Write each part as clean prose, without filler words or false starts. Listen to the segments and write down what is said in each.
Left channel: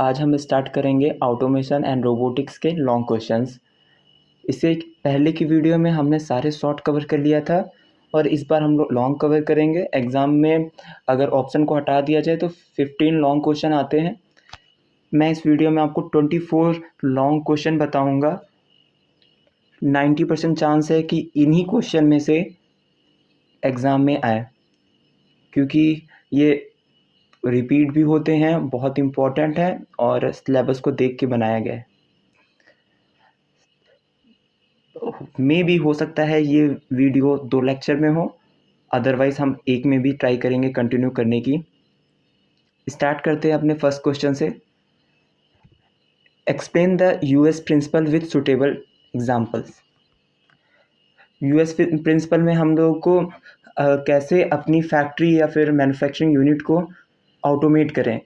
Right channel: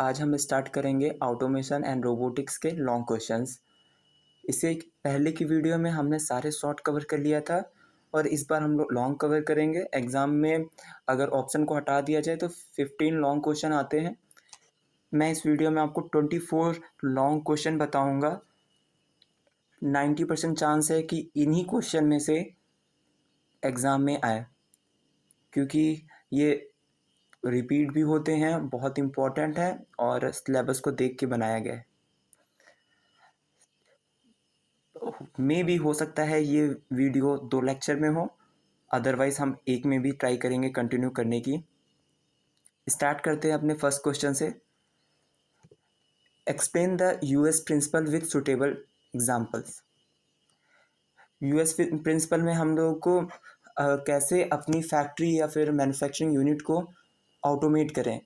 आज हम स्टार्ट करेंगे ऑटोमेशन एंड रोबोटिक्स के लॉन्ग क्वेश्चंस। इससे पहले की वीडियो में हमने सारे शॉर्ट कवर कर लिया था और इस बार हम लोग लॉन्ग कवर करेंगे। एग्ज़ाम में अगर ऑप्शन को हटा दिया जाए तो 15 लॉन्ग क्वेश्चन आते हैं। मैं इस वीडियो में आपको 24 लॉन्ग क्वेश्चन बताऊंगा। 90% चांस है कि इन्हीं क्वेश्चन में से एग्ज़ाम में आए, क्योंकि ये रिपीट भी होते हैं, बहुत इम्पोर्टेंट है और सिलेबस को देख के बनाया गया है। मे भी हो सकता है ये वीडियो 2 लेक्चर में हो, अदरवाइज़ हम एक में भी ट्राई करेंगे कंटिन्यू करने की। स्टार्ट करते हैं अपने फर्स्ट क्वेश्चन से। Explain the US principle with suitable examples. US principle में हम लोगों को कैसे अपनी फैक्ट्री या फिर मैन्युफैक्चरिंग यूनिट को ऑटोमेट करें,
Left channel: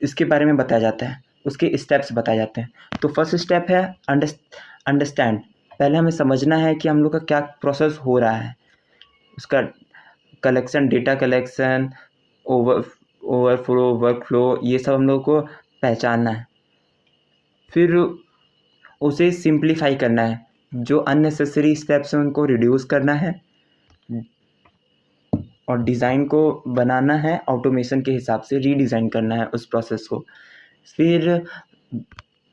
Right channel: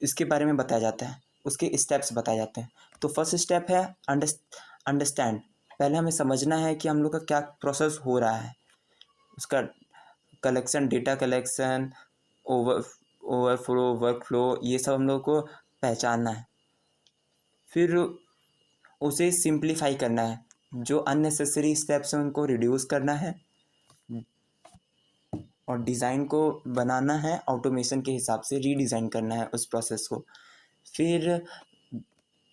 इसके बारे में बताया जाता है, उसके स्टेप्स बताए जाते हैं। तो फर्स्ट स्टेप है अंडरस्टैंड। पहले हमें समझना है कि हम लोग का क्या प्रोसेस हो रहा है, उसका collection, data collection, overflow, work flow, ये सब हम लोग को पहचानना है। फिर उसे सिंप्लीफाई करना है, जो अननेसेसरी स्टेप्स हैं उनको रिड्यूस करना है और डिज़ाइन को बनाना है ऑटोमेशन के हिसाब से, रीडिज़ाइन करना है उस प्रोसेस को। फिर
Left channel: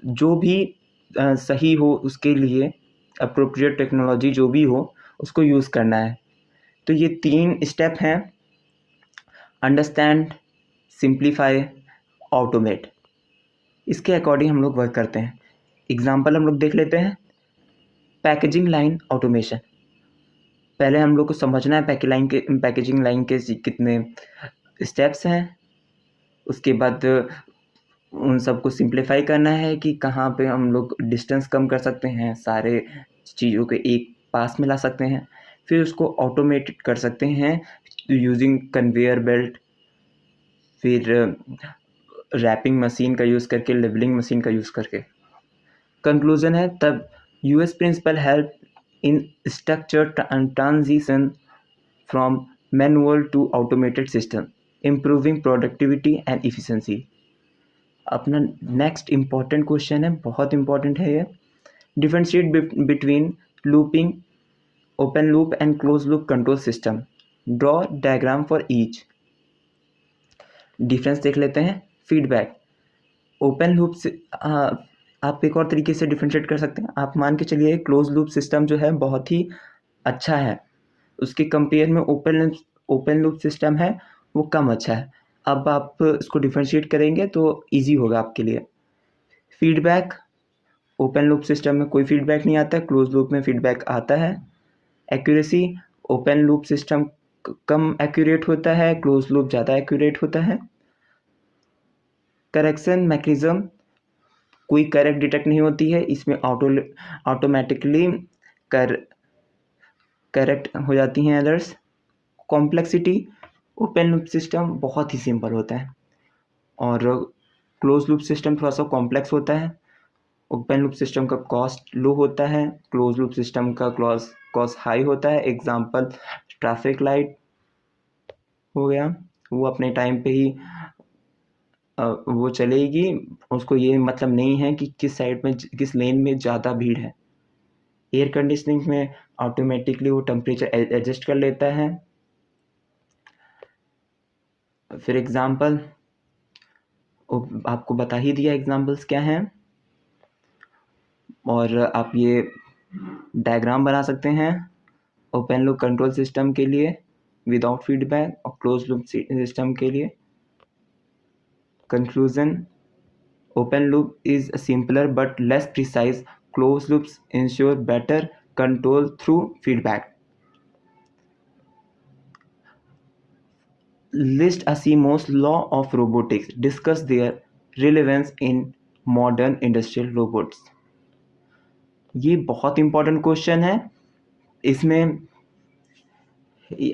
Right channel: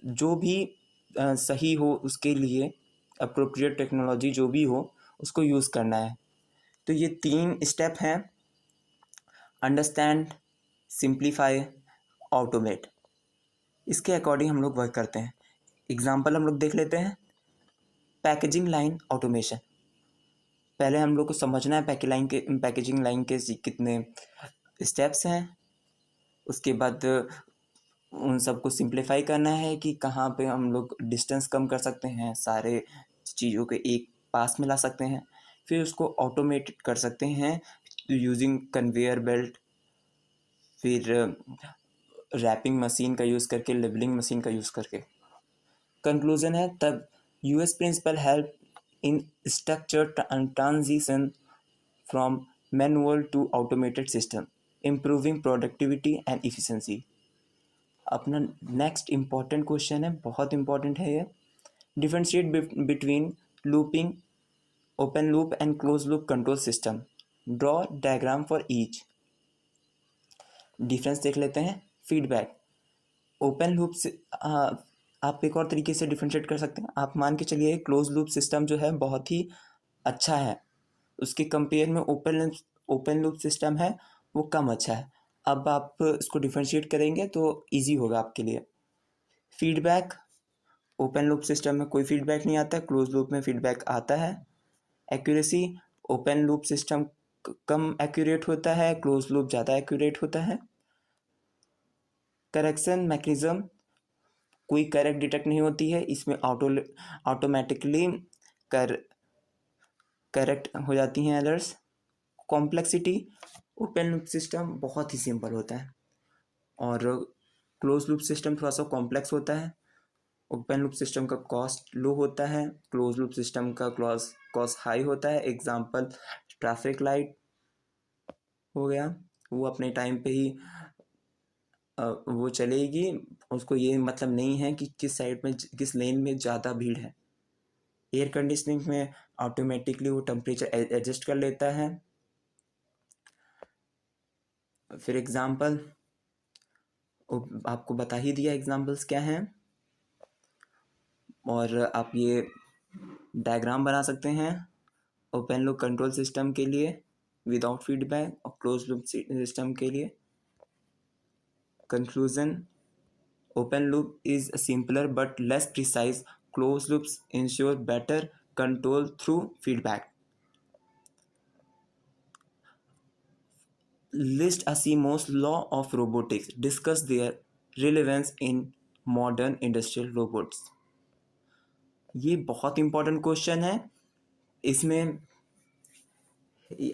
जो भी सही हो उसके लिए अप्रोप्रिएट टेक्नोलॉजी जो भी हो उसको यूज़ करना है। तो ये 3 स्टेप हैं: अंडरस्टैंड, सिंप्लीफाई, ऑटोमेट। इसके अकॉर्डिंग हम लोग वर्क करते हैं। एग्जांपल हम लोग देख लेते हैं। Packaging line automation. पहले हम लोग को समझना है पैकेजिंग लाइन के कितने स्टेप्स हैं। उसके बाद उन सबको सिंप्लीफाई करना है कि कहाँ पे हम लोग डिस्टेंस कम कर सकते हैं, सारे चीज़ों के एक पास में ला सकते हैं। फिर उसको ऑटोमेटेड कर सकते हैं यूजिंग कन्वेयर बेल्ट, फिर रैपिंग मशीन का यूज़ करके, लेबलिंग मशीन का यूज़ करके। कंक्लूजन है तब US principle help in structure transition from manual to automated system, improving productivity and efficiency. अपना नेक्स्ट इम्पॉर्टेंट क्वेश्चन है, बहुत इम्पॉर्टेंट है ये। Differentiate between looping, open loop and close loop control system. Draw diagram for each. Difference देख लेते हैं। Feedback, open loop से आप एक और तरीके से डिफरेंशिएट कर सकते हैं। आप मान के चलिए क्लोज लूप सिस्टम जो है बहुत ही अच्छा है, उसके कंपेयर में ओपन लूप सिस्टम है वो कम अच्छा है। अब आप इसको डिफरेंशिएट करेंगे तो इजी होगा आपके लिए। फीडबैक, ओपन लूप सिस्टम में कोई फीडबैक नहीं आता है, क्लोज लूप में फीडबैक आता है। एक्यूरेसी, ओपन लूप सिस्टम कम एक्यूरेट होता है, क्लोज लूप ज़्यादा एक्यूरेट होता है। करेक्शन मैकेनिज्म, कोई करेक्ट डिटेक्ट नहीं होती है, इसमें ऑटोमेटिकली करेक्ट हो जाती हैं errors. Complexity, open loop system बहुत ही सिंपल होता है और क्लोज लूप सिस्टम थोड़ा सा कॉम्प्लेक्स होता है। ओपन लूप सिस्टम का कॉस्ट लो होता है, क्लोज लूप सिस्टम का कॉस्ट हाई होता है। एग्जांपल ट्रैफिक लाइट हो गया, वो अपने टाइम पे ही वो चलेगी, उसको ये मतलब नहीं है कि किस साइड में, किस लेन में ज़्यादा भीड़ है। एयर कंडीशनिंग में ऑटोमेटिकली वो टेम्परेचर एडजस्ट कर लेता है। फिर एग्जांपल आपको बता ही दिया एग्जांपल्स क्या हैं, और आप ये डायग्राम बना सकते हैं ओपन लूप कंट्रोल सिस्टम के लिए विदाउट फीडबैक और क्लोज लूप सिस्टम के लिए। Conclusion, open loop is simpler but less precise, close loops ensure better control through feedback. List Asimov's law of robotics. Discuss their relevance in modern industrial robots. ये बहुत important question है। इसमें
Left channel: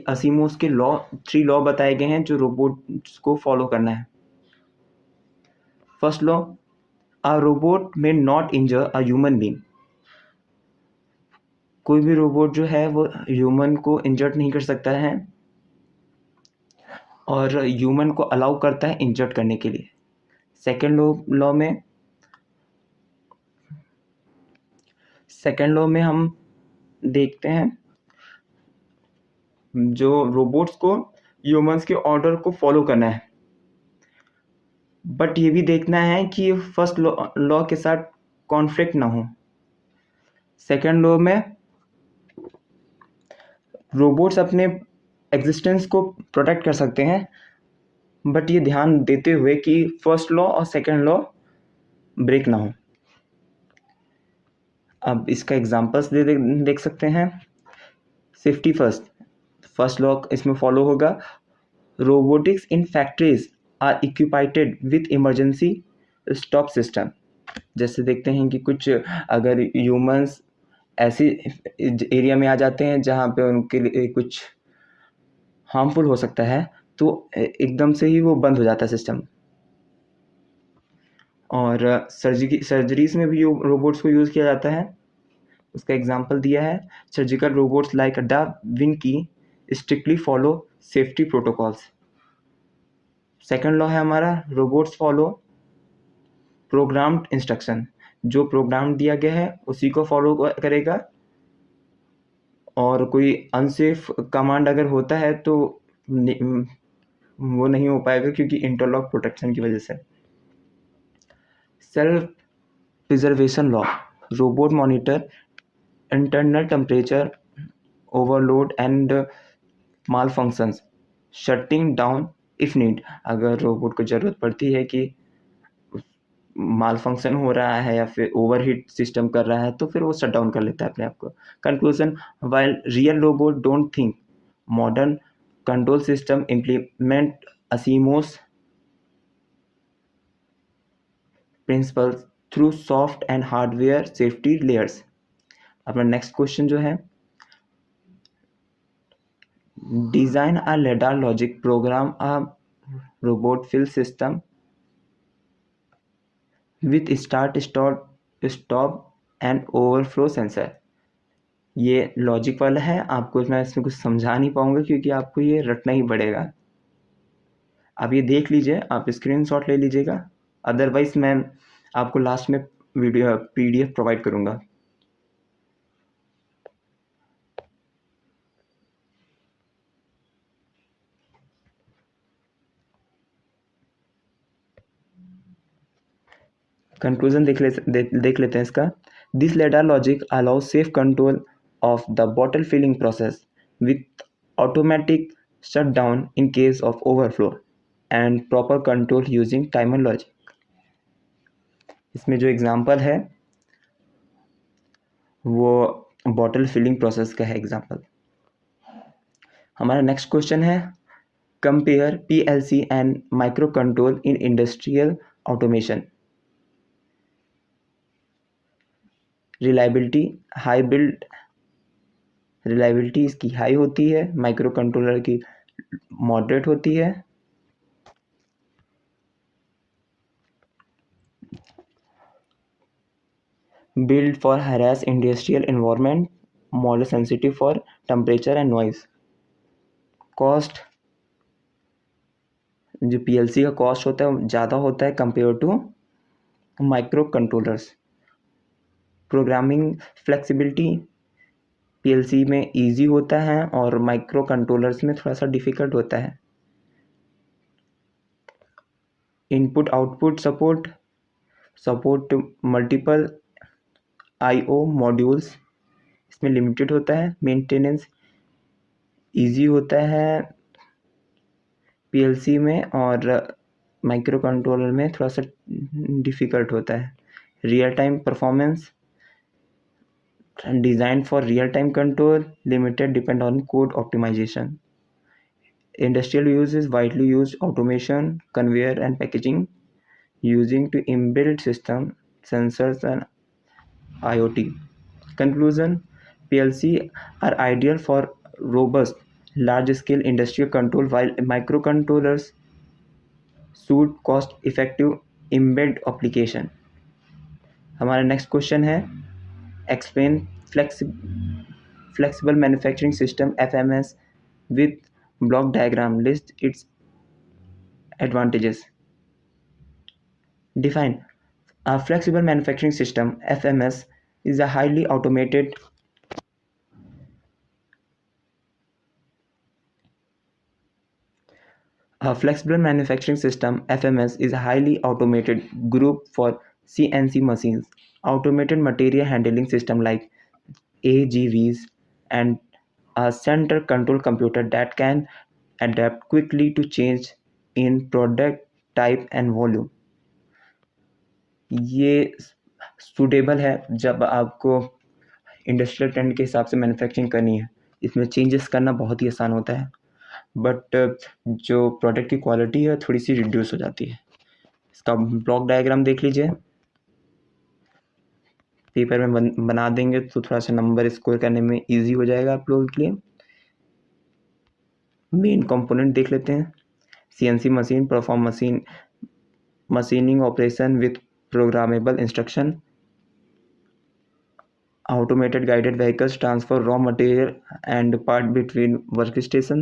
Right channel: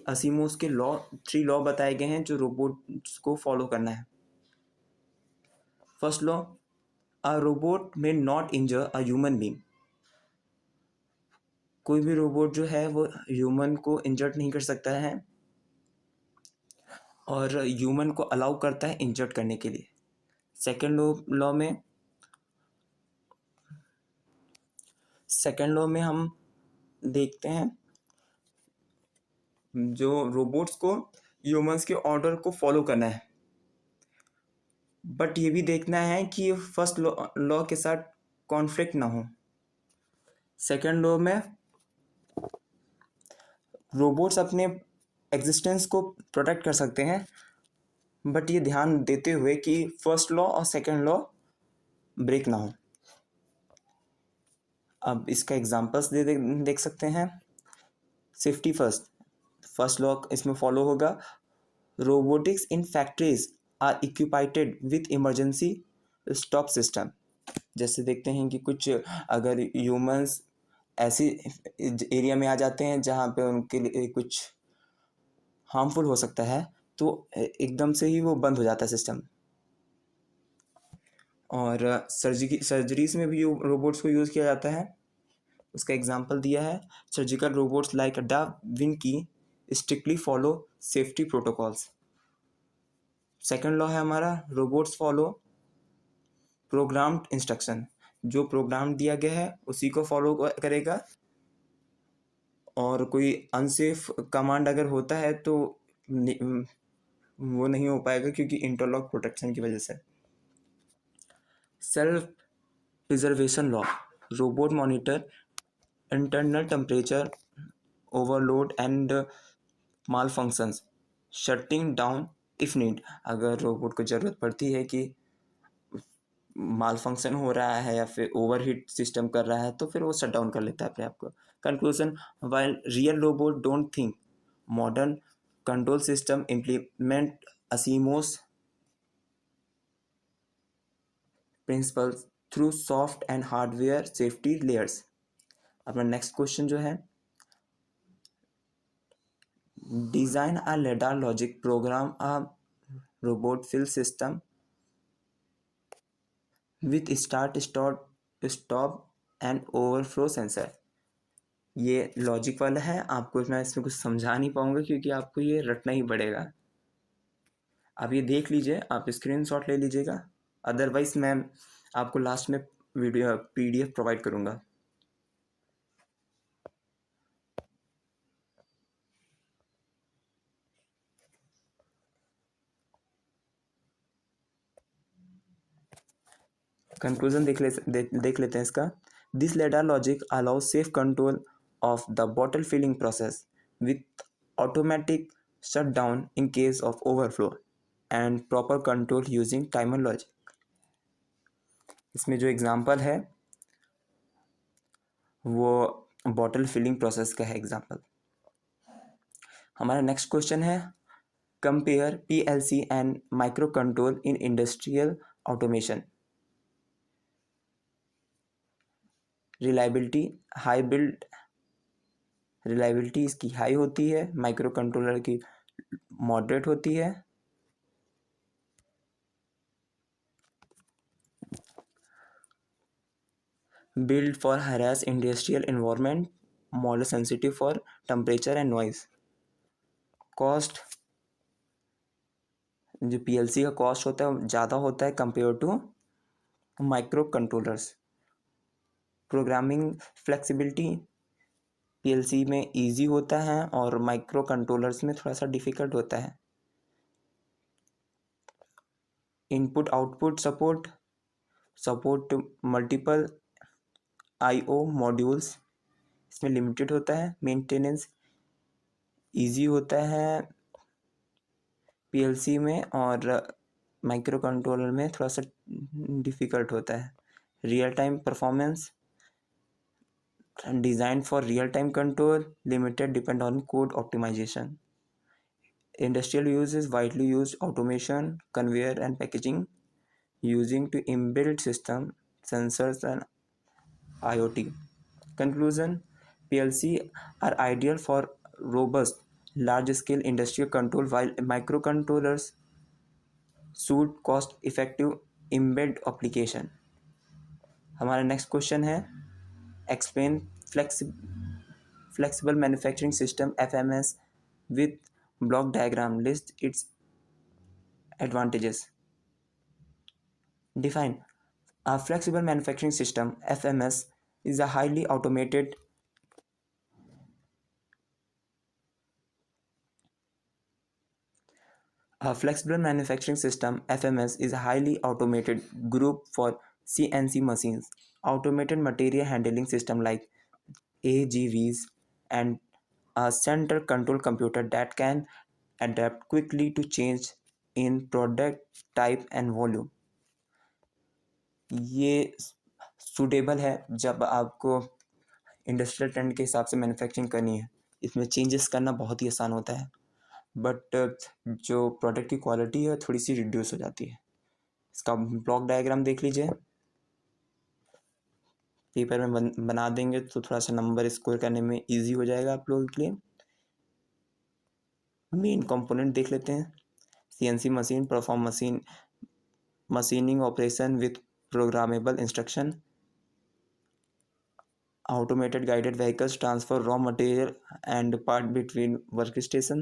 असीमोस के 3 law बताए गए हैं जो रोबोट्स को फॉलो करना है। First law, a robot may not injure a human being. कोई भी रोबोट जो है वो ह्यूमन को इंजर्ड नहीं कर सकता है और ह्यूमन को अलाउ करता है इंजर्ड करने के लिए। सेकेंड लॉ में हम देखते हैं जो रोबोट्स को ह्यूमंस के ऑर्डर को फॉलो करना है, बट ये भी देखना है कि फर्स्ट लॉ के साथ कॉन्फ्लिक्ट ना हो। सेकेंड लॉ में रोबोट्स अपने एग्जिस्टेंस को प्रोटेक्ट कर सकते हैं, बट ये ध्यान देते हुए कि फर्स्ट लॉ और सेकेंड लॉ ब्रेक ना हो। अब इसका एग्जांपल्स देख सकते हैं। सेफ्टी फर्स्ट लॉ इसमें फॉलो होगा। Robotics in factories are equipped with emergency stop system. जैसे देखते हैं कि कुछ अगर ह्यूमंस ऐसी एरिया में आ जाते हैं जहाँ पे उनके लिए कुछ हार्मफुल हो सकता है, तो एकदम से ही वो बंद हो जाता है सिस्टम। और सर्जरीज में भी रोबोट्स को यूज़ किया जाता है। उसका एग्जांपल दिया है, surgical robots like da Vinci strictly follow safety protocols. Second law है हमारा, रोबोट्स फॉलो प्रोग्राम्ड इंस्ट्रक्शन। जो प्रोग्राम दिया गया है उसी को फॉलो करेगा, और कोई अनसेफ कमांड अगर होता है तो वो नहीं हो पाएगा, क्योंकि इंटरलॉक प्रोटेक्शन की वजह से। Self preservation law, robot monitor internal temperature, overload and malfunctions, shutting down if need. अगर रोबोट को ज़रूरत पड़ती है कि माल फंक्शन हो रहा है या फिर ओवरहीट सिस्टम कर रहा है, तो फिर वो शट डाउन कर लेता है अपने आप को। Conclusion, while real robot don't think, modern control system implement Asimov's principles through soft and hardware safety layers. अपना नेक्स्ट क्वेश्चन जो है, design a ladder logic program a robot fill system with start stop and overflow sensor. ये logic वाला है, आपको मैं इसमें कुछ समझा नहीं पाऊंगा क्योंकि आपको ये रटना ही पड़ेगा। आप ये देख लीजिए, आप स्क्रीनशॉट ले लीजिएगा, अदरवाइज मैं आपको लास्ट में वीडियो PDF प्रोवाइड करूँगा। कंक्लूजन देख लेते हैं इसका। This ladder logic allows safe control of the bottle filling process with automatic shut down in case of overflow and proper control using timer logic. इसमें जो एग्जांपल है वो बॉटल फिलिंग प्रोसेस का है एग्जांपल। हमारा नेक्स्ट क्वेश्चन है, compare PLC and micro control in industrial automation. Reliability इसकी high होती है, माइक्रो कंट्रोलर की मॉडरेट होती है। Built for harass industrial environment, model sensitive for temperature and noise. Cost, जो PLC का कॉस्ट होता है ज़्यादा होता है compare to micro controllers. Programming flexibility PLC में इजी होता है और माइक्रो कंट्रोलर्स में थोड़ा सा डिफ़िकल्ट होता है। Input output support multiple IO modules, इसमें लिमिटेड होता है। मेंटेनेंस इजी होता है PLC में, और माइक्रो कंट्रोलर में थोड़ा सा डिफ़िकल्ट होता है। Real time performance design for real time control, limited depend on code optimisation. Industrial use is widely use automation, conveyor and packaging using to inbuilt system, sensors and IoT. Conclusion, PLC are ideal for robust, large-scale industrial control, while microcontrollers suit cost-effective embedded application. हमारा next question है, explain flexible manufacturing system FMS with block diagram, list its advantages. Define. A flexible manufacturing system, FMS, is a highly automated A flexible manufacturing system (FMS) is a highly automated group for CNC machines. Automated material handling system like AGVs and a central control computer that can adapt quickly to change in product type and volume. ये suitable है जब आपको industrial trend के हिसाब से manufacturing करनी है। इसमें चेंजेस करना बहुत ही आसान होता है, बट जो प्रोडक्ट की क्वालिटी है थोड़ी सी रिड्यूस हो जाती है। इसका ब्लॉक डायग्राम देख लीजिए, पेपर में बना देंगे तो थोड़ा सा नंबर स्कोर करने में इजी हो जाएगा आप लोगों के लिए। मेन कंपोनेंट देख लेते हैं। CNC machine perform machining operation with programmable instruction, automated guided vehicles transfer raw material and part between workstation,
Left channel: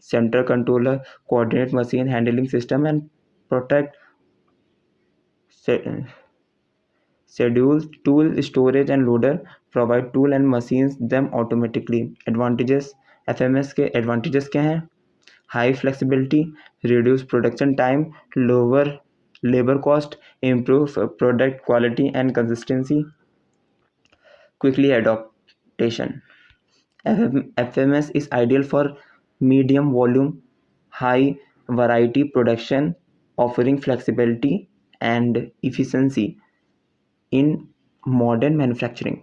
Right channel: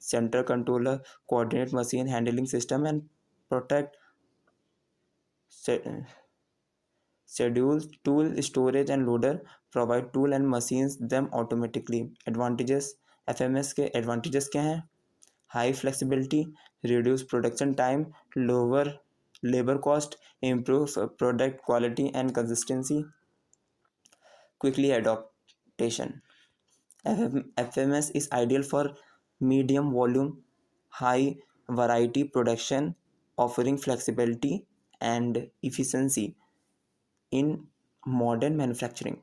central controller coordinate machine handling system and protect schedule tool storage and loader provide tool and machines them automatically. Advantages, FMS के advantages क्या हैं? High flexibility, reduce production time, lower labor cost, improve product quality and consistency, quickly adaptation. FMS is ideal for medium volume, high variety production, offering flexibility and efficiency in modern manufacturing.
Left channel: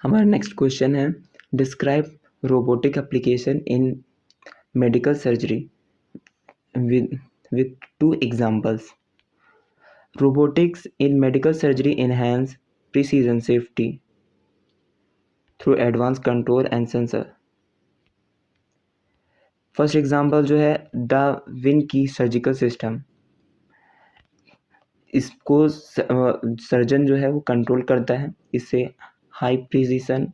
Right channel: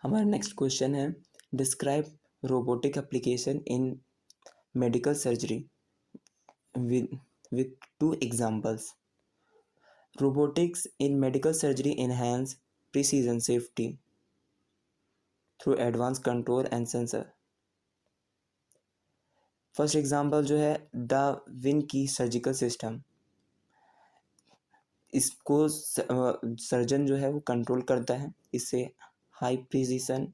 हमारा next question है, describe robotic application in medical surgery with two examples. Robotics in medical surgery enhance precision safety through advanced control and sensor. First example जो है the win की surgical system, इसको surgeon जो है वो control करता है, इससे हाई प्रिसीजन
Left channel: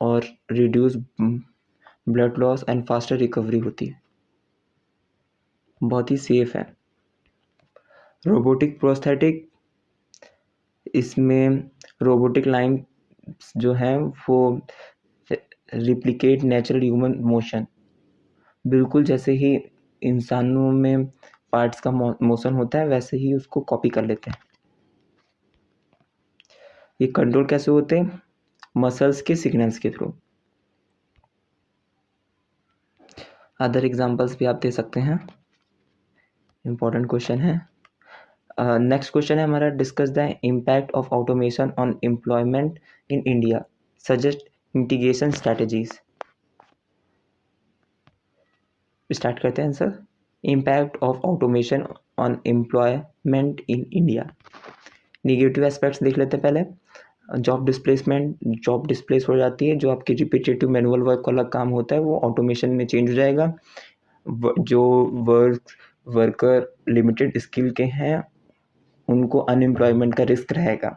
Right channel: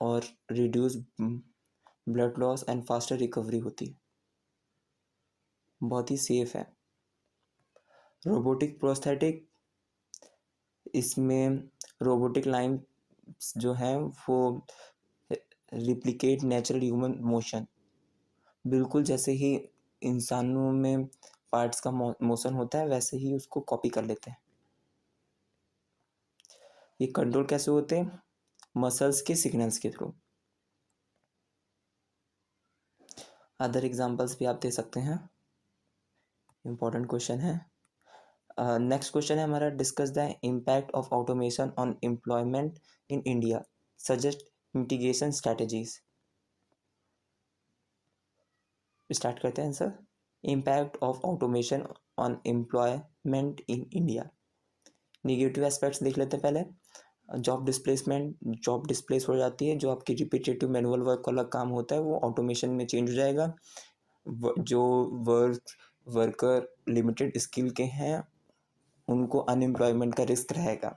और reduce blood loss and faster recovery होती है, बहुत ही सेफ है। रोबोटिक प्रोस्थेटिक, इसमें रोबोटिक लाइन जो है वो रिप्लिकेट नेचुरल ह्यूमन मोशन, बिल्कुल जैसे ही इंसानों में पार्ट्स का मोशन होता है वैसे ही उसको कॉपी कर लेते हैं। ये कंट्रोल कैसे होते हैं? मसल्स के सिग्नल्स के थ्रू। अदर एग्जांपल्स भी आप दे सकते हैं, इंपॉर्टेंट क्वेश्चन है। नेक्स्ट क्वेश्चन है हमारा, discuss the impact of automation on employment in India, suggest mitigation strategies. Start करते हैं answer. Impact of automation on employment in India. Negative aspects देख लेते हैं पहले। जॉब डिस्प्लेसमेंट, जॉब डिस्प्लेस हो जाती है, जो आपकी रिपीटेटिव मैनुअल वर्क वाला काम होता है वो ऑटोमेशन में चेंज हो जाएगा। जो वर्कर लिमिटेड स्किल के हैं उनको अनएम्प्लॉयमेंट का रिस्क रहेगा।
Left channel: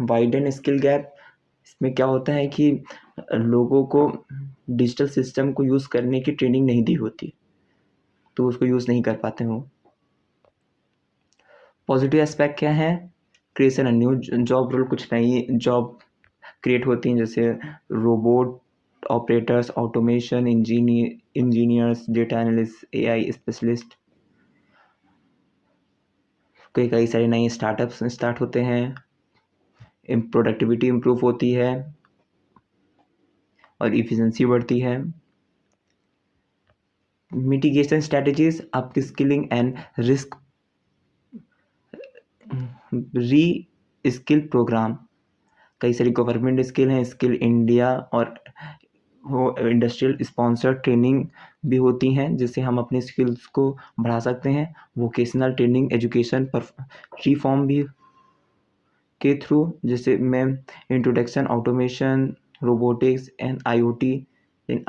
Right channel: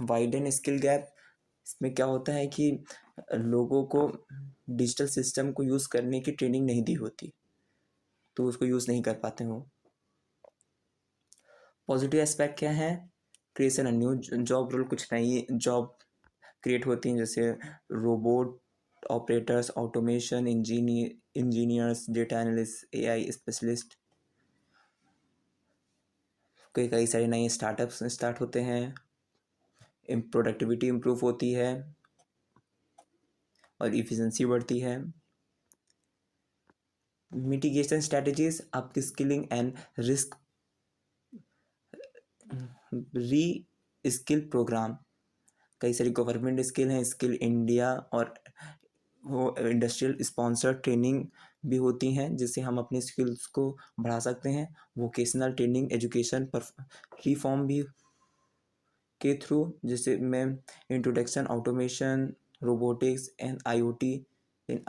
वाइडन स्किल गैप, इसमें क्या होता है कि लोगों को डिजिटल सिस्टम को यूज़ करने की ट्रेनिंग नहीं दी होती, तो उसको यूज़ नहीं कर पाते हो। पॉजिटिव एस्पेक्ट क्या है? Creation a new job role, कुछ नई जॉब क्रिएट होती हैं, जैसे robot operators, automation engineers, data analyst, AI specialist. कई सारे नए स्टार्टअप्स स्टार्ट होते हैं, प्रोडक्टिविटी इम्प्रूव होती है और इफ़िशेंसी बढ़ती है। मिटिगेशन स्ट्रैटेजीज, आपकी स्किलिंग एंड रिस्क री स्किल प्रोग्राम। कई सारी गवर्नमेंट स्किल हैं, स्किल इंडिया और वो इंडस्ट्रियल स्पॉन्सर्ड ट्रेनिंग भी होती हैं जिससे हम अपने स्किल्स को बढ़ा सकते हैं। वोकेशनल ट्रेनिंग एजुकेशन पर रिफॉर्म भी के थ्रू, जैसे मैं introduction automation, robotics and IoT in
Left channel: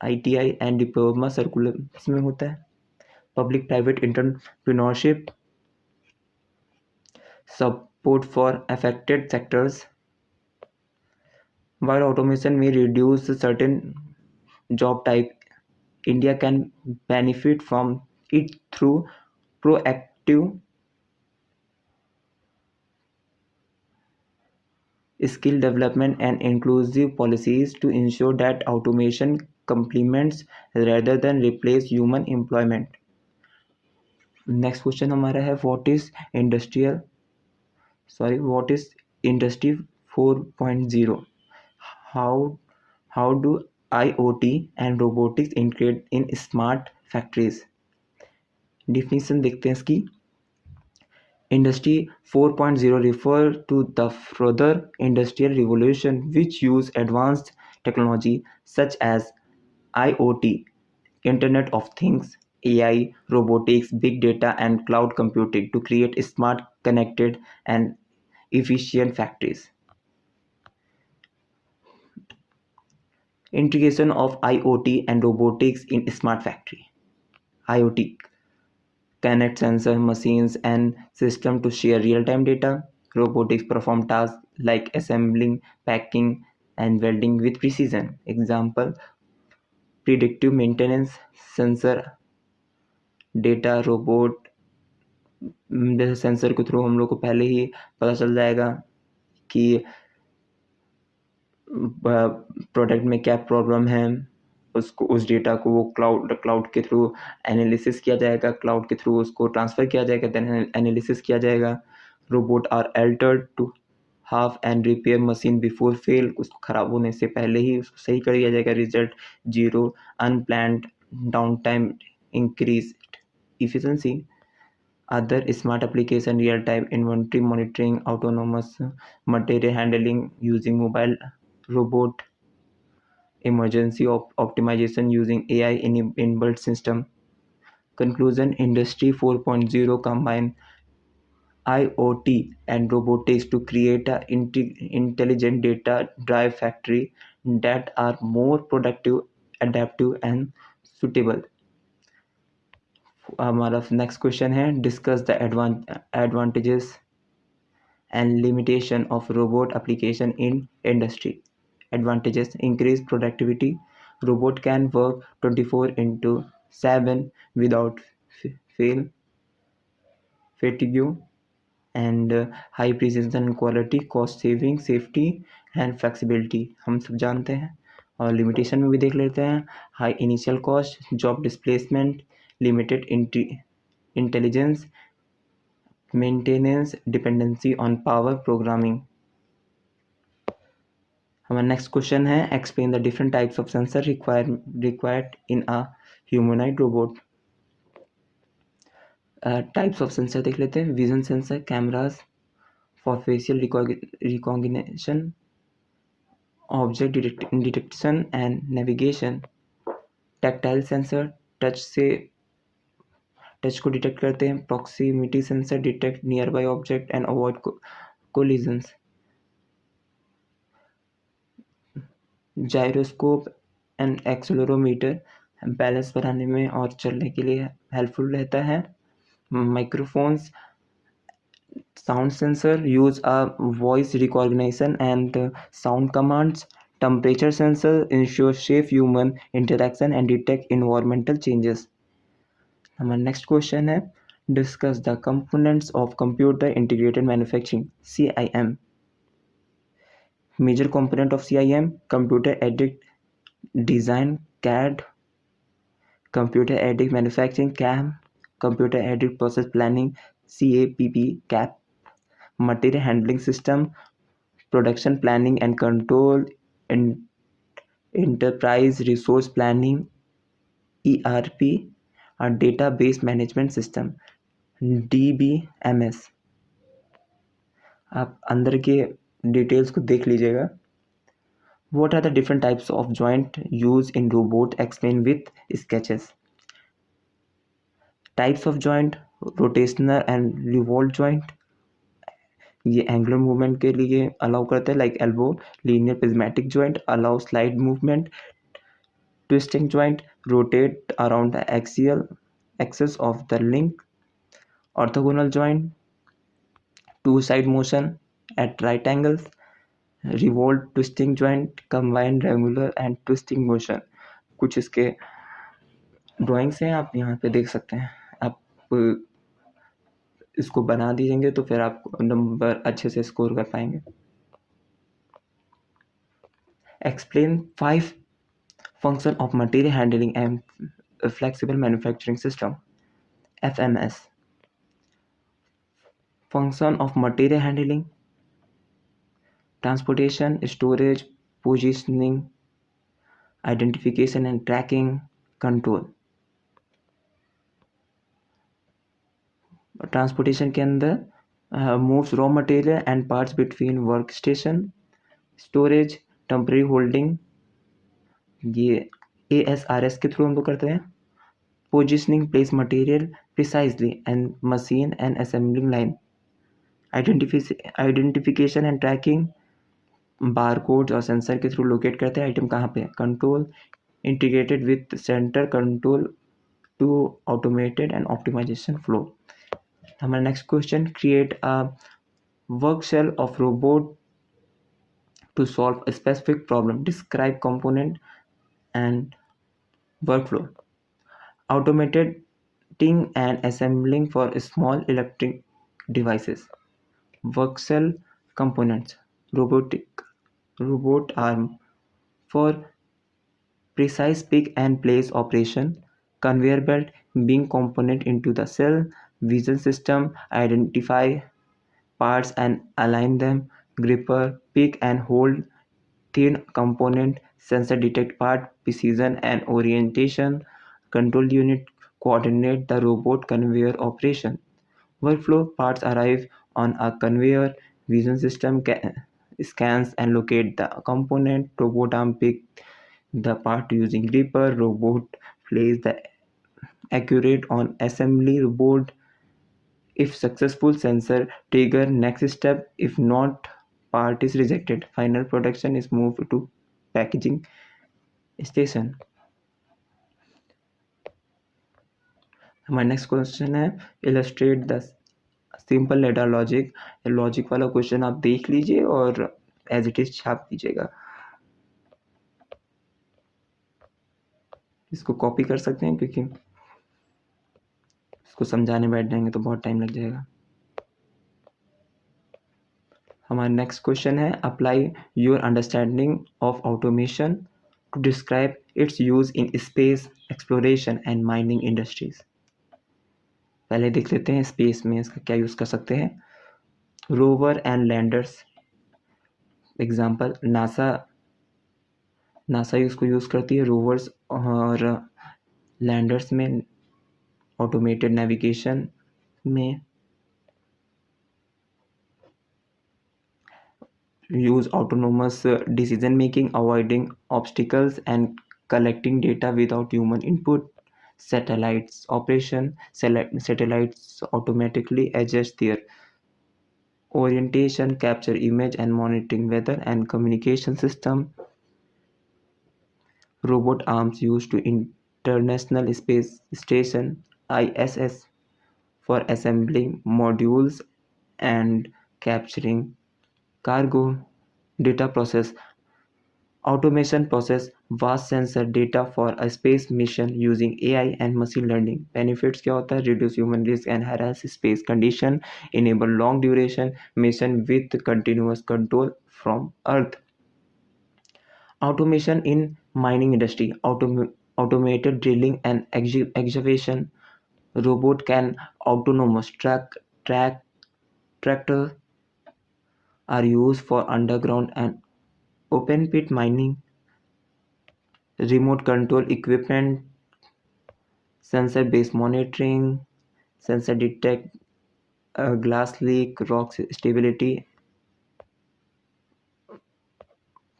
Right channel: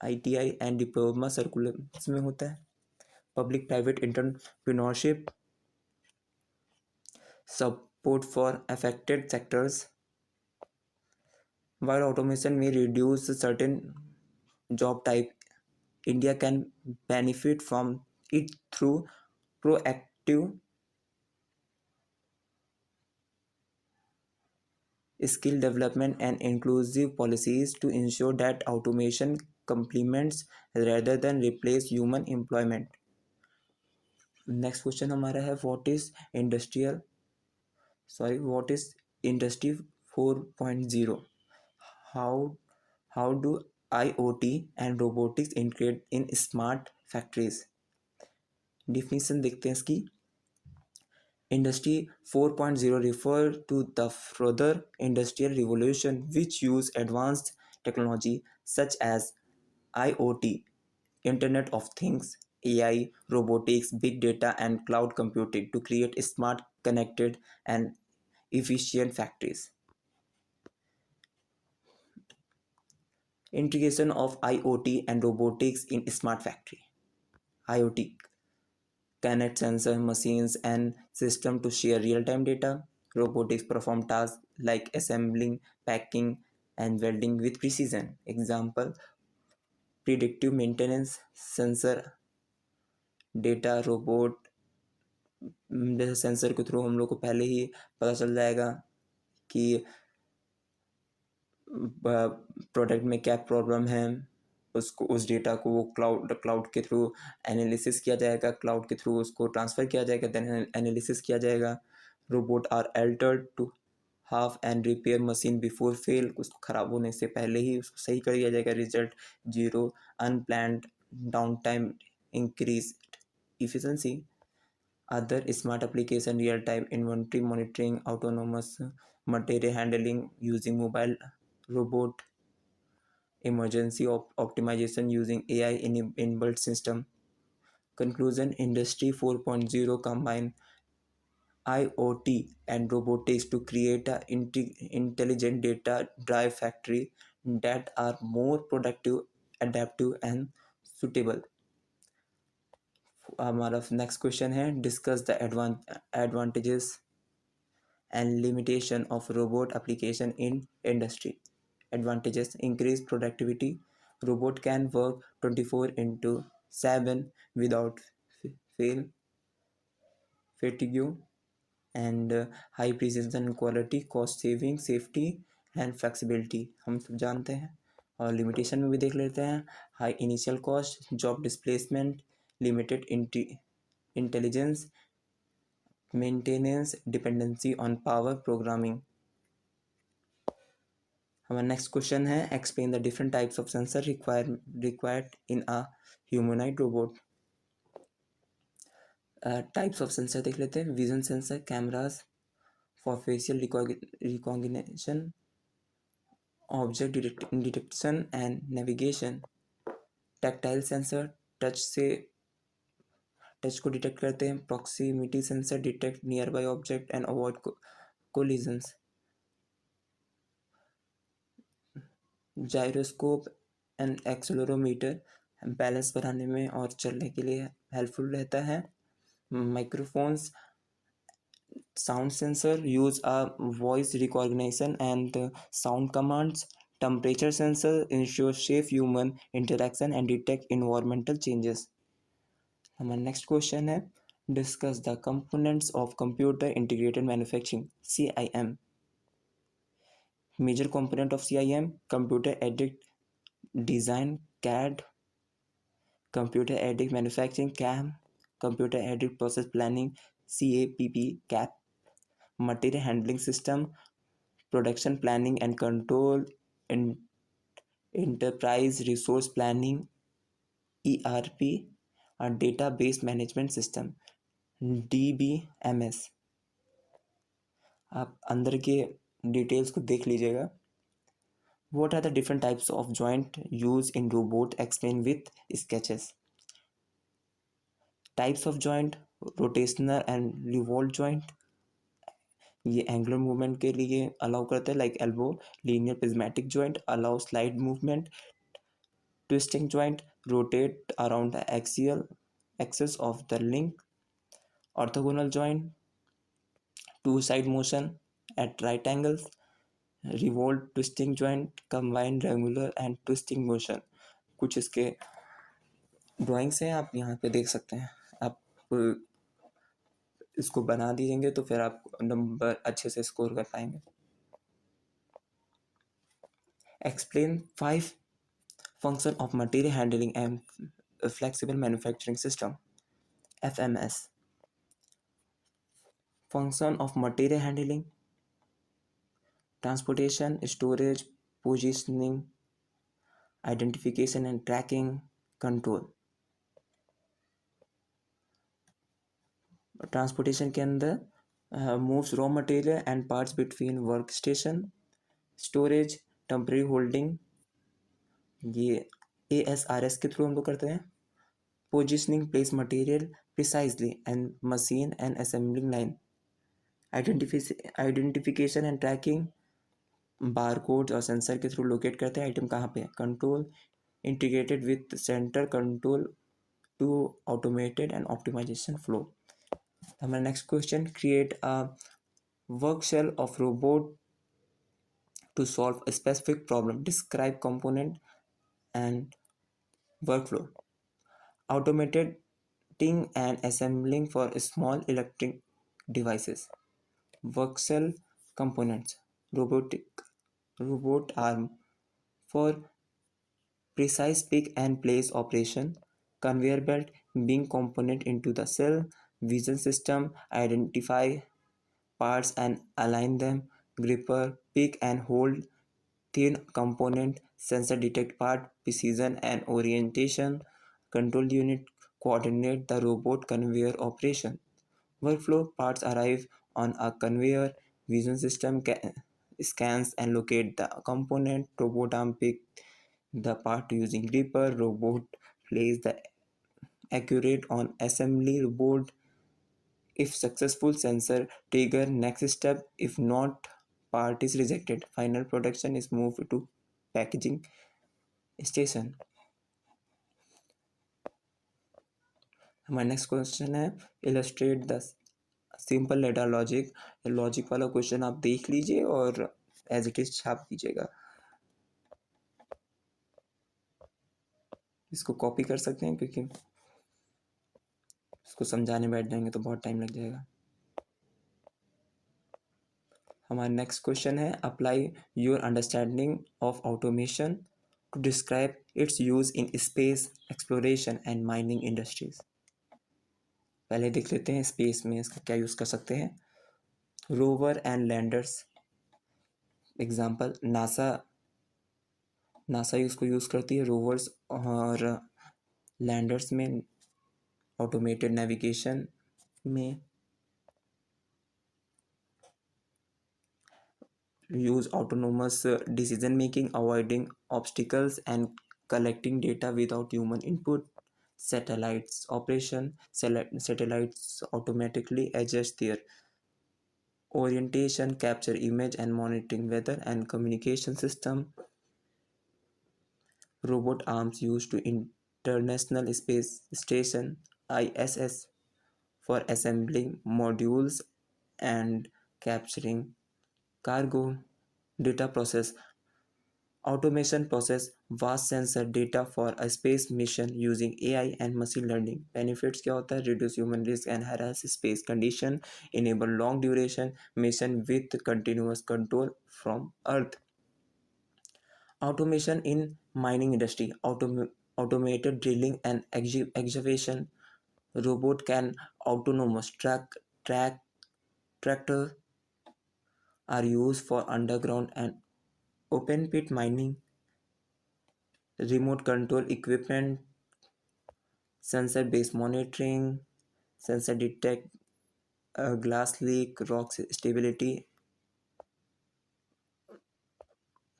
ITI and diploma circulars में होता है। Public private entrepreneurship, support for affected sectors. While automation may reduce certain job type, India can benefit from it through proactive skill development and inclusive policies to ensure that automation complements rather than replace human employment. Next question हमारा है what is industry 4.0? How how do IoT and robotics integrate in smart factories? Definition देखते हैं इसकी. Industry 4.0 refers to the further industrial revolution which use advanced technology such as IoT, Internet of Things, AI, robotics, big data, and cloud computing to create smart, connected, and efficient factories. Integration of IoT and robotics in smart factory. IoT connect sensor, machines, and system to share real-time data. Robotics perform tasks like assembling, packing, and welding with precision. Example: predictive maintenance, sensor data robot, जैसे sensor के through हम लोग को पहले ही पता चल जाएगा कि प्रोडक्ट में क्या प्रॉब्लम है. उसको उस डेटा को वो क्लाउड के थ्रू एनालिसिस किया जाएगा, क्लाउड के थ्रू उसको ट्रांसफ़र किया जाएगा, देन एनालिसिस किया जाएगा. Robot are altered to half and repair machine before fail. उसको ख़राब होने से पहले ही उसको सही कर दिया जाएगा. Result zero unplanned down time, increase efficiency. Other smart application: real-time inventory monitoring, autonomous material handling using mobile robot, emergency optimization using AI inbuilt system. Conclusion: Industry 4.0 combine IoT and robotics to create a intelligent data-driven factory that are more productive, adaptive, and suitable. हमारा next question है discuss the advantages and limitation of robot application in industry. Advantages: increase productivity. Robot can work 24/7 without fail fatigue and high precision quality, cost saving, safety and flexibility. हम सब जानते हैं. और limitation में भी देख लेते हैं. High initial cost, job displacement, limited intelligence, maintenance, dependency on power, programming. हमारा नेक्स्ट क्वेश्चन है explain the different types of sensor required in a humanoid robot. Types of sensor देख लेते हैं. Vision sensor, cameras for facial recognition, object detection and navigation. Tactile sensor, touch को detect करते हैं. Proximity sensor, detect near by object and avoid collisions. Gyroscope and accelerometer balance बनाने में और चलने के लिए हेल्पफुल रहता है. Microphones, sound sensor use a voice recognition and sound commands. Temperature sensor ensure safe human interaction and detect environmental changes. हमारा next question है discuss the components of computer integrated manufacturing, CIM. Major component of CIM: computer aided design, CAD, computer aided manufacturing, CAM, computer aided process planning, CAPP, material handling system, production planning and control, enterprise resource planning, ERP, और database management system, DBMS. आप अंदर के details को देख लीजिएगा. What are the different types of joint used in robot? Explain with sketches. Types of joint: rotational and revolve joint. ये angular movement के लिए अलाउ करते हैं, like elbow. Linear prismatic joint allow slide movement. Twisting joint rotate around the axial axis of the link. Orthogonal joint to side motion at right angles. Revolve twisting joint combine regular and twisting motion. कुछ इसके drawings हैं, आप यहाँ पे देख सकते हैं। आप इसको बना दीजिएंगे तो फिर आप नंबर अच्छे से स्कोर कर पाएंगे। Explain 5 function of material handling and flexible manufacturing system, FMS। Function of material handling: transportation, storage, positioning, identification and tracking, control। Transportation के अंदर moves raw material and parts between work station. Storage, temporary holding, ये ASRS के through हम लोग करते हैं। Positioning, place material precisely and machine and assembling line. Identification and tracking, bar code और sensor के थ्रू लोकेट करते हैं आइटम कहाँ पे है। Control, integrated with centre control to automated and optimization flow. हमारा next question: create a work cell of robot to solve a specific problem. Describe component and workflow. Automating and assembling for small electric devices. Work cell components. Robot arm for precise pick and place operation. Conveyor belt being component into the cell. Vision system identify parts and align them. Gripper pick and hold thin component. Sensor detect part precision and orientation. Control unit coordinate the robot conveyor operation. Workflow: parts arrive on a conveyor. Vision system scans and locate the component. Robot arm pick the part using gripper. Robot place the accurate on assembly board. If successful, sensor trigger next step. If not, part is rejected. Final production is moved to packaging station. हमारा next question है illustrate the simple ladder logic. Logic वाला question आप देख लीजिए और as it is छाप दीजिएगा। इसको कॉपी कर सकते हैं क्योंकि इसको समझाने बैठ जाएंगे तो बहुत टाइम लग जाएगा। हमारा नेक्स्ट क्वेश्चन है apply your understanding of automation to describe its use in space exploration and mining industries. पहले देख लेते हैं स्पेस में इसका क्या यूज़ कर सकते हैं। Rover and landers, example NASA इसको यूज़ करती है रोवर्स और लैंडर्स में। ऑटोमेटेड नेविगेशन में use autonomous decision making, avoiding obstacles and collecting data without human input. Satellites operation, satellites automatically adjust their orientation, capture image and monitoring weather and communication system. Robot arms used to International Space Station ISS for assembling modules and capturing cargo. Data process, automation process vast sensor data for a space mission using AI and machine learning. Benefits क्या होता है? Reduce human risk, enhance space condition, enable long duration mission with continuous control from Earth. Automation in mining industry, automated drilling and excavation. Robot can autonomous tractor are used for underground and open pit mining. Remote control equipment, sensor based monitoring, sensor detect glass leak, rock stability.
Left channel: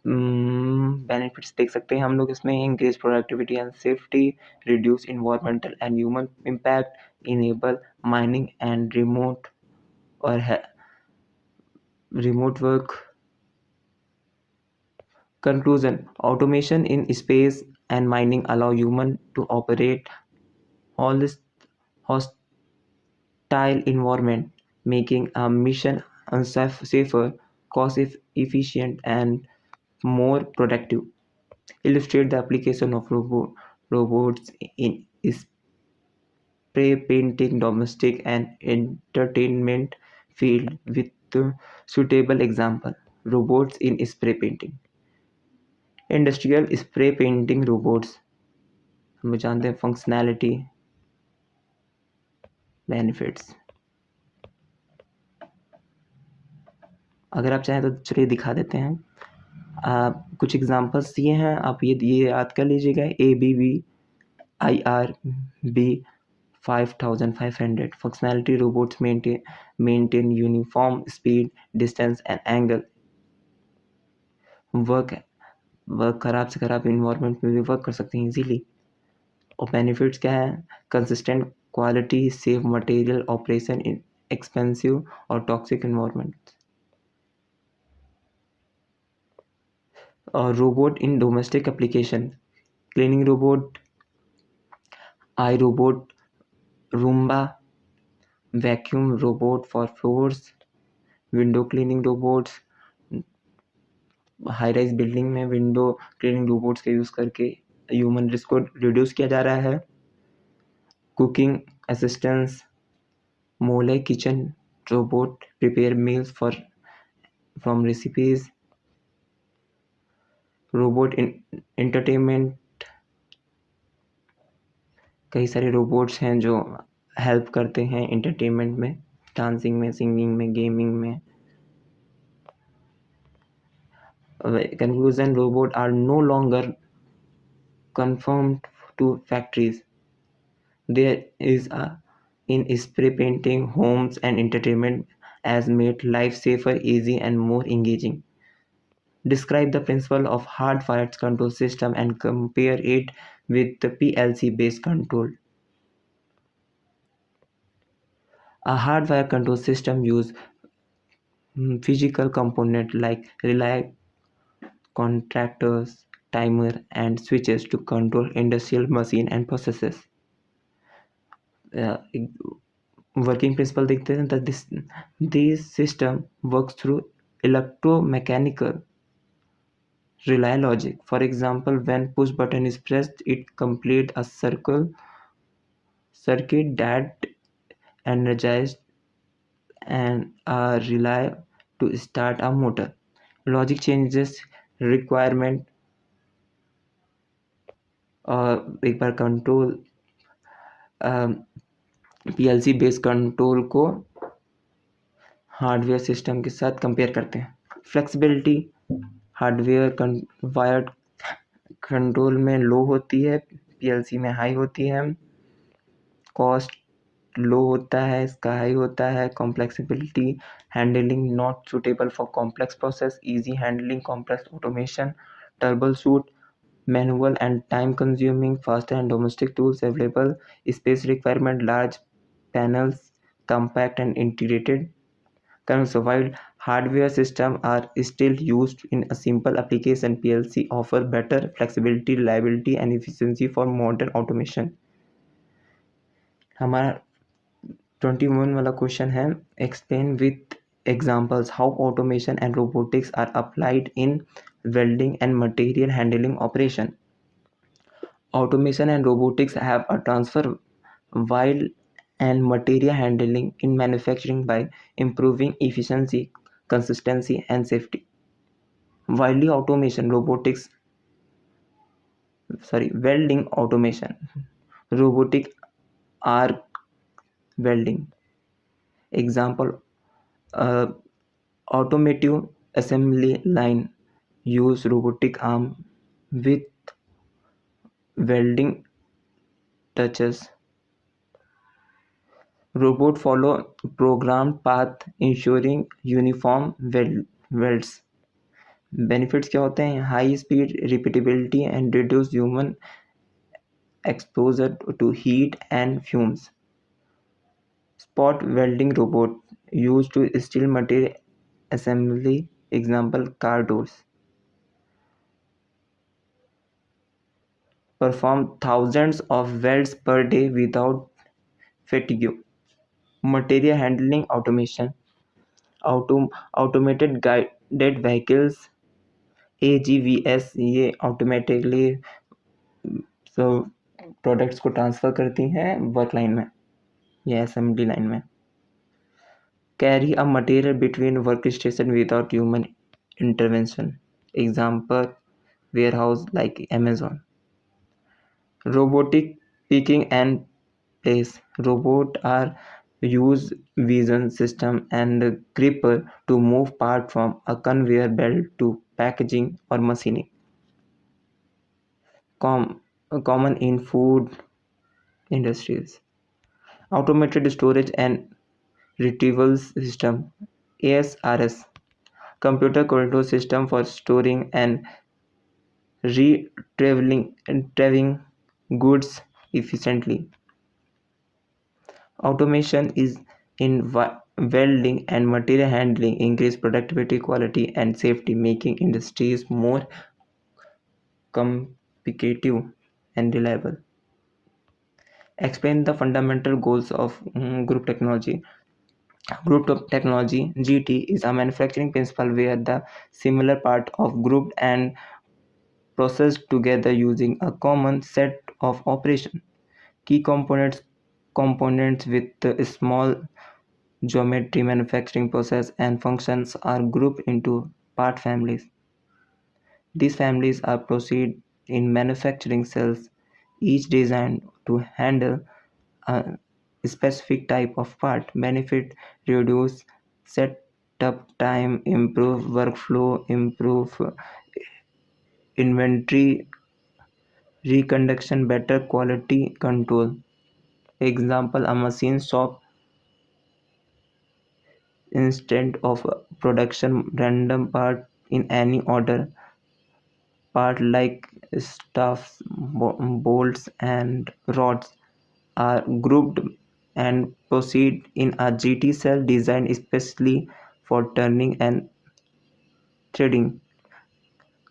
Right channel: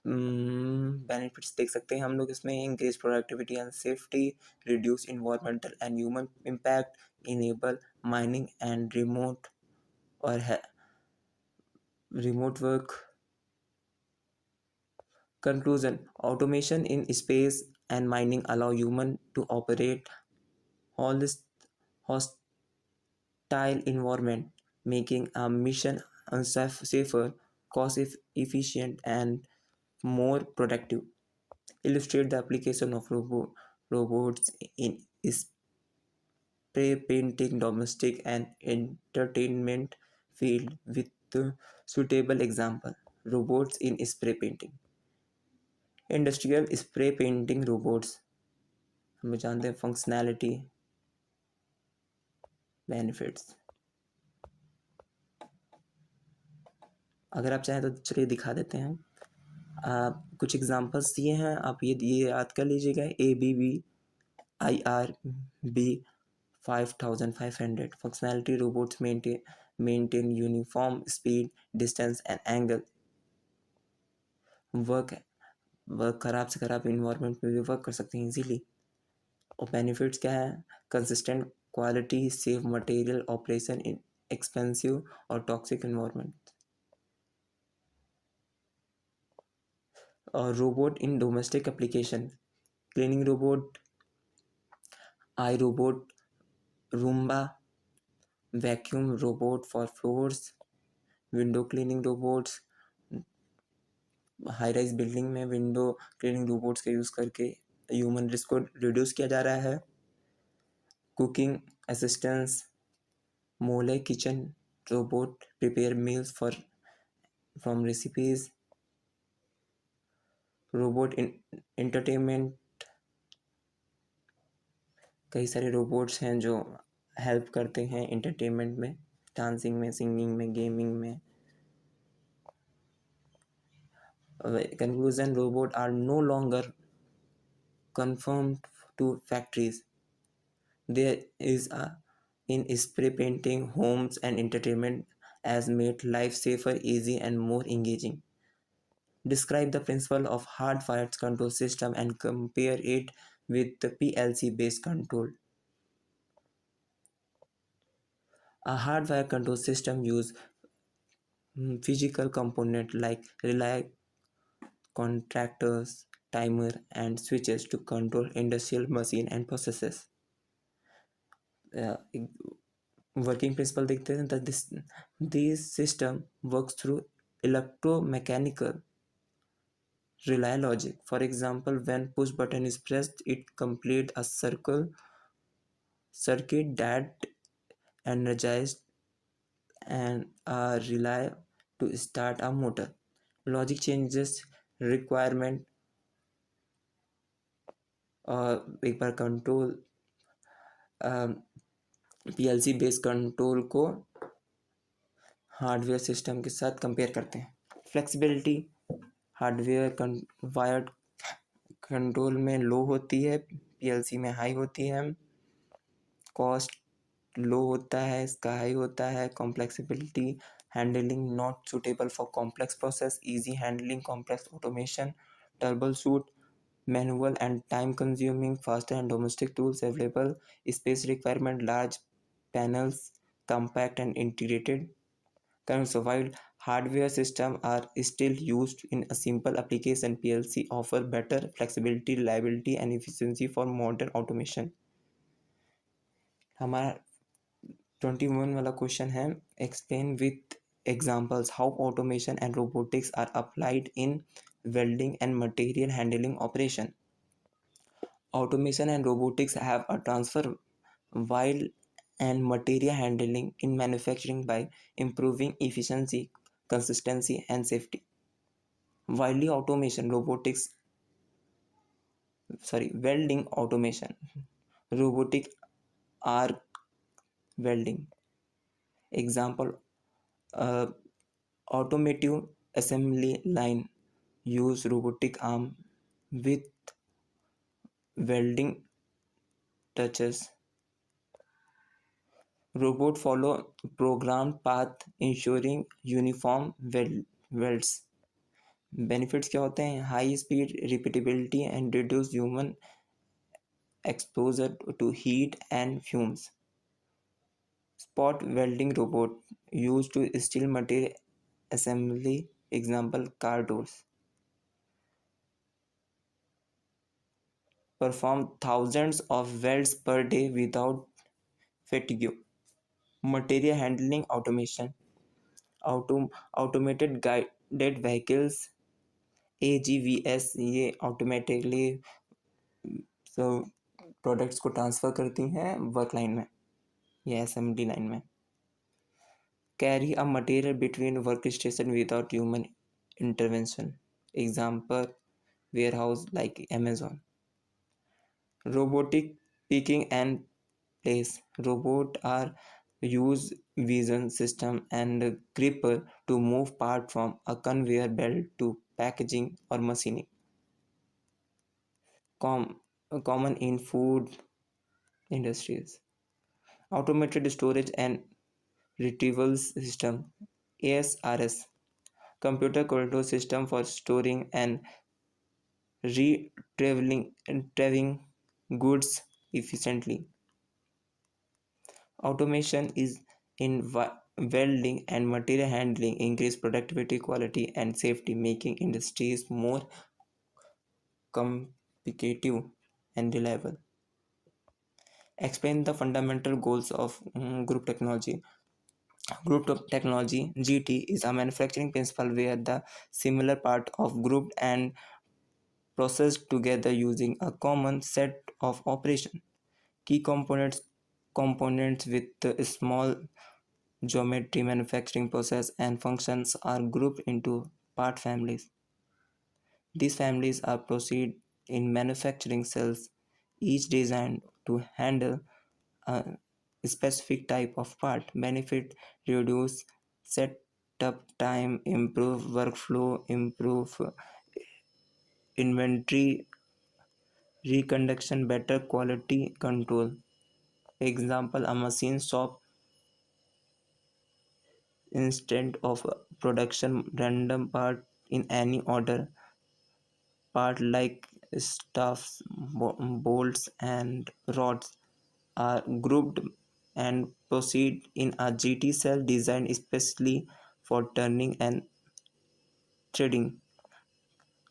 Benefits देख सकते हैं हम लोग इसमें: increase productivity and safety, reduce environmental and human impact, enable mining and remote work. Conclusion: automation in space and mining allow human to operate all this hostile environment, making a mission safer, cost efficient and more productive. Illustrate the application of robots in spray painting, domestic and entertainment field with suitable example. Robots in spray painting. Industrial spray painting robots हम जानते हैं functionality benefits. अगर आप चाहें तो चलिए दिखा देते हैं। कुछ एग्जांपल्स दिए हैं, आप ये याद कर लीजिएगा। ABB IR-B 5500 functionality robots maintain uniform speed, distance and angle. Work खराब से खराब इन्वायरमेंट में भी वर्क कर सकते हैं इजीली। और बेनिफिट्स क्या है? Consistent quality, save material, operation in expensive और टॉक्सिक इन्वायरमेंट। और robot in domestic application, cleaning robot, iRobot, Roomba, vacuum robot for floors, window cleaning robots. High rise building में window cleaning robots का use करके human risk को reduce किया जा रहा है। Cooking assistance, Moley kitchen robot prepare meals from recipes. Robot in entertainment, कई सारे रोबोट्स हैं जो हेल्प करते हैं एंटरटेनमेंट में, डांसिंग में, सिंगिंग में, गेमिंग में। Conclusion, robots are no longer confined to factories. There is in spray painting, homes and entertainment has made life safer, easy and more engaging. Describe the principle of hardwired control system and compare it with the PLC based control. A hardware control system use physical component like relay, contractors, timer and switches to control industrial machine and processes. Working principle देखते हैं that this system works through electromechanical relay logic. For example, when push button is pressed, it completes a circuit that energized and a relay to start a motor. Logic changes requirement और एक बार control PLC based control को hardware system के साथ compare करते हैं। Flexibility, hardware wired control में लो होती है, PLC में हाई होती है। कॉस्ट लो होता है, इसका हाई होता है। Complexibility, handling not suitable for complex process, easy handling complex automation. Troubleshoot, manual and time consuming, faster and domestic tools available. Space requirement, large panels, compact and integrated. So while hardware systems are still used in a simple application, PLC offer better flexibility, reliability and efficiency for modern automation. हमारा 21 वाला question है, explain with examples how automation and robotics are applied in welding and material handling operation. Automation and robotics have a transfer while and material handling in manufacturing by improving efficiency, consistency and safety. Welding automation, robotic arc welding. Example, automotive assembly line use robotic arm with welding touches. Robot follow programmed path ensuring uniform welds. Benefits क्या होते हैं? High speed, repeatability and reduce human exposure to heat and fumes. Spot welding robot use to steel material assembly. Example, car doors. Perform thousands of welds per day without fatigue. Material handling automation, automated guided vehicles, AGVS, ये automatically products को transfer करती हैं work line में या assembly line में। Carry a material between work station without human intervention, example warehouse like Amazon. Robotic picking and place. Robots are use vision system and gripper to move part from a conveyor belt to packaging or machining. Common in food industries. Automated storage and retrieval system, ASRS. Computer control system for storing and retrieving goods efficiently. Automation is in welding and material handling increase productivity, quality, and safety, making industries more competitive and reliable. Explain the fundamental goals of group technology. Group technology (GT) is a manufacturing principle where the similar parts are grouped and processed together using a common set of operations. Key components with small geometry, manufacturing process, and functions are grouped into part families. These families are proceed in manufacturing cells, each designed to handle a specific type of part. Benefit: reduce setup time, improve workflow, improve inventory reconduction, better quality control. Example: a machine shop instead of production random part in any order. Part like stuffs, bolts, and rods are grouped and proceed in a GT cell designed especially for turning and threading.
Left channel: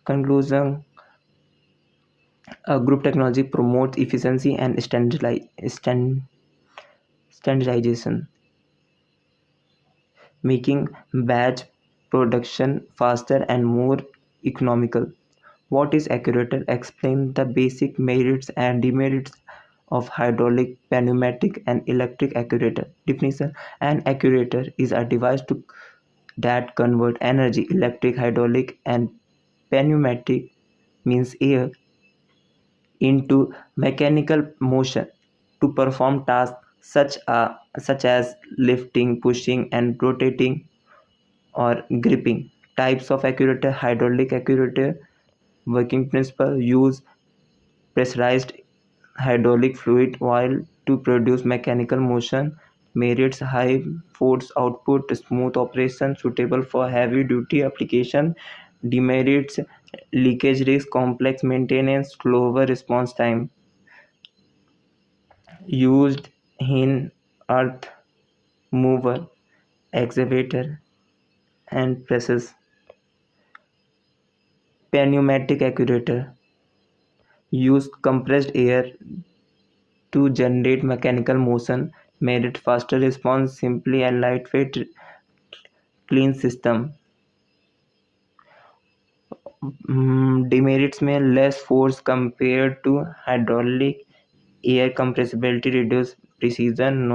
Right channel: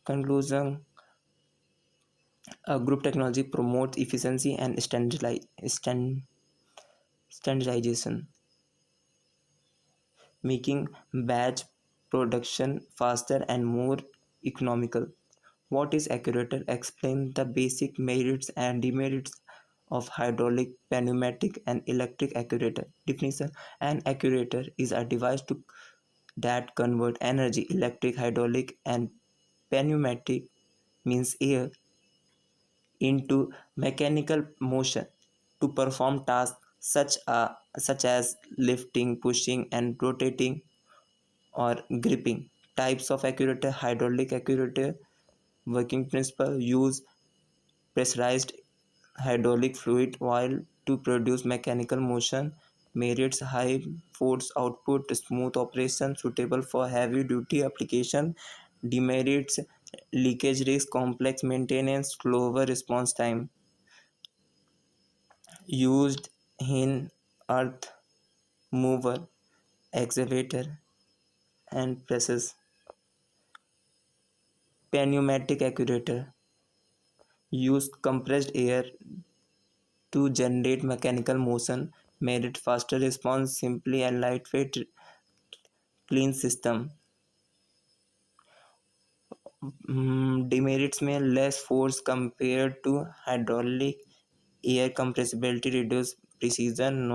Conclusion: a group technology promotes efficiency and standardization, making batch production faster and more economical. What is actuator? Explain the basic merits and demerits of hydraulic, pneumatic, and electric actuator. Definition: an actuator is a device that converts energy, electric, hydraulic, and pneumatic means air, into mechanical motion to perform tasks such as lifting, pushing, and rotating or gripping. Types of actuator: hydraulic actuator. Working principle: use pressurized hydraulic fluid while to produce mechanical motion. Merits: high force output, smooth operation, suitable for heavy duty application. Demerits: leakage risk, complex maintenance, slower response time. Used in earth mover, excavator, and presses. Pneumatic actuator use compressed air to generate mechanical motion. Merit: faster response, simply and lightweight, clean system. Demerits में less force compared to hydraulic, air compressibility, reduced precision,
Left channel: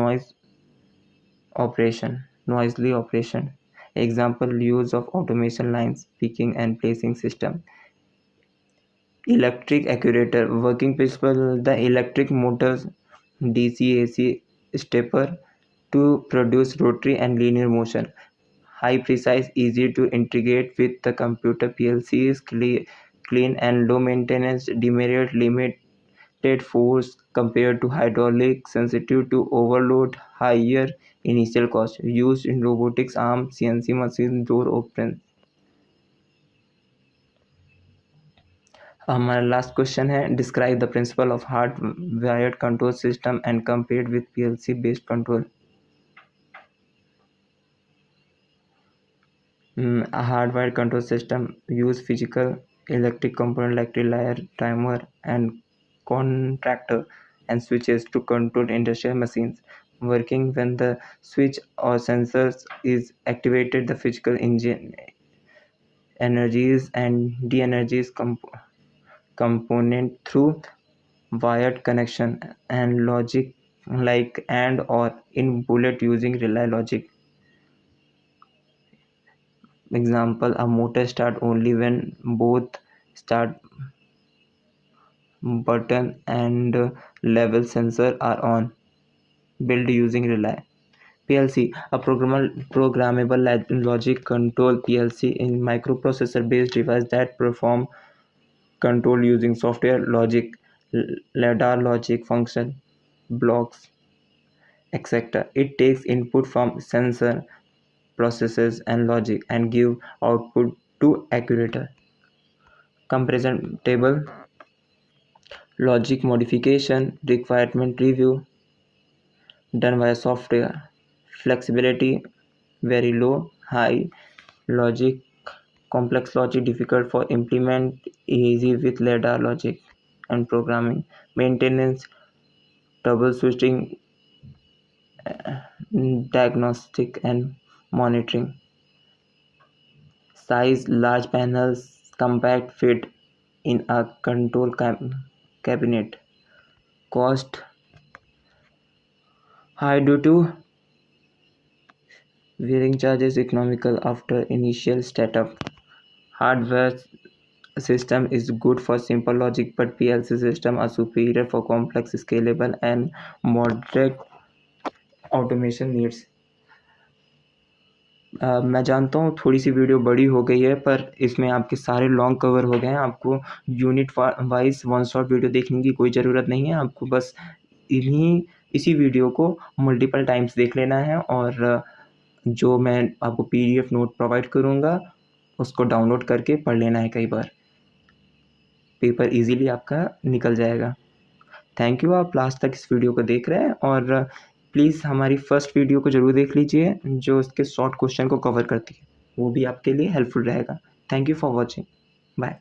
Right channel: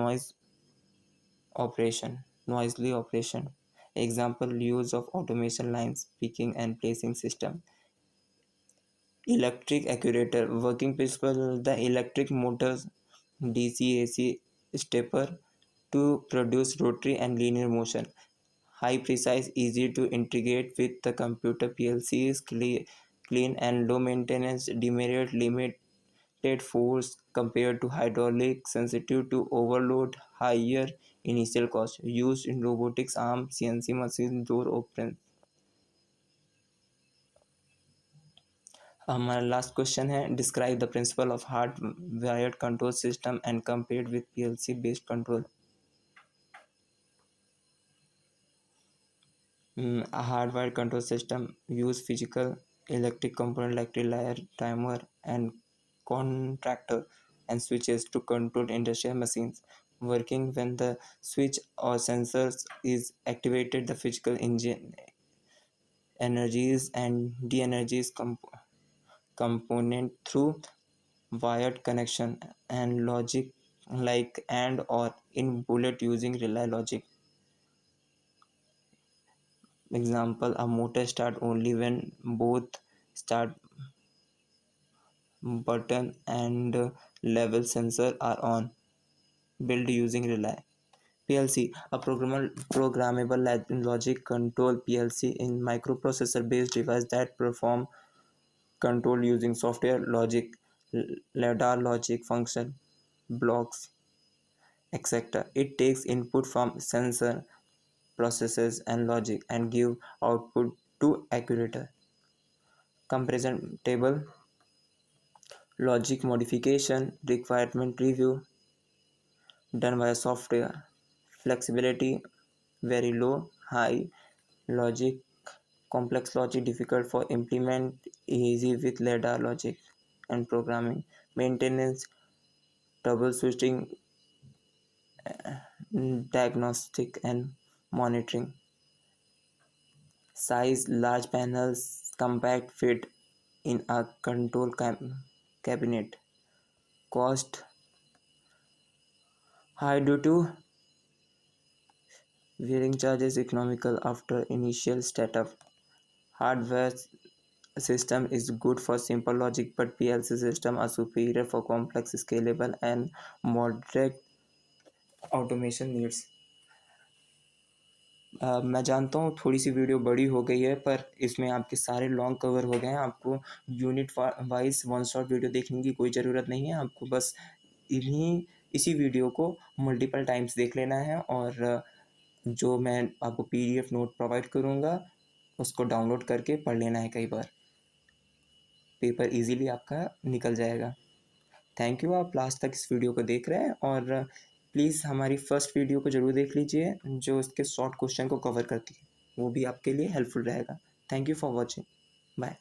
noisily operation. Example: use of automation lines, picking and placing system. Electric actuator working principle: the electric motors DC AC stepper to produce rotary and linear motion. High precise, easy to integrate with the computer. PLCs clean and low maintenance. Demerit: limited force compared to hydraulic, sensitive to overload, higher initial cost. Used in robotics arm, CNC machine, door open. हमारा last question है, describe the principle of hard wired control system and compared with PLC based control. A hardwired control system use physical electric component like relay, timer, and contactor and switches to control industrial machines. Working when the switch or sensors is activated, the physical engine energies and de-energies component through wired connection and logic like and or in bullet using relay logic. Example, a motor start only when both start button and level sensor are on. Build using relay. PLC, a programmable logic control PLC in microprocessor based device that perform control using software logic, ladder logic function, blocks, etc. It takes input from sensor, processes and logic and give output to accurate comparison table, logic modification, requirement review done via software, flexibility very low, high logic, complex logic difficult for implement, easy with ladder logic and programming, maintenance, troubleshooting, diagnostic and monitoring, size large panels, compact fit in a control cabinet, cost high due to wearing charges, economical after initial startup. Hardware system is good for simple logic, but PLC system are superior for complex, scalable and moderate automation needs. मैं जानता हूँ थोड़ी सी video बड़ी हो गई है, पर इसमें आपके सारे लॉन्ग कवर हो गए हैं। आपको unit wise one shot video देखने की कोई ज़रूरत नहीं है। आपको बस इसी वीडियो को मल्टीपल टाइम्स देख लेना है और जो मैं आपको PDF नोट प्रोवाइड करूँगा उसको डाउनलोड करके पढ़ लेना है कई बार। पेपर इजीली आपका निकल जाएगा। थैंक यू, आप लास्ट तक इस वीडियो को देख रहे हैं और प्लीज़ हमारी फर्स्ट वीडियो को ज़रूर देख लीजिए जो इसके शॉर्ट क्वेश्चन को कवर करती है, वो भी आपके लिए हेल्पफुल रहेगा। Thank you for watching, bye.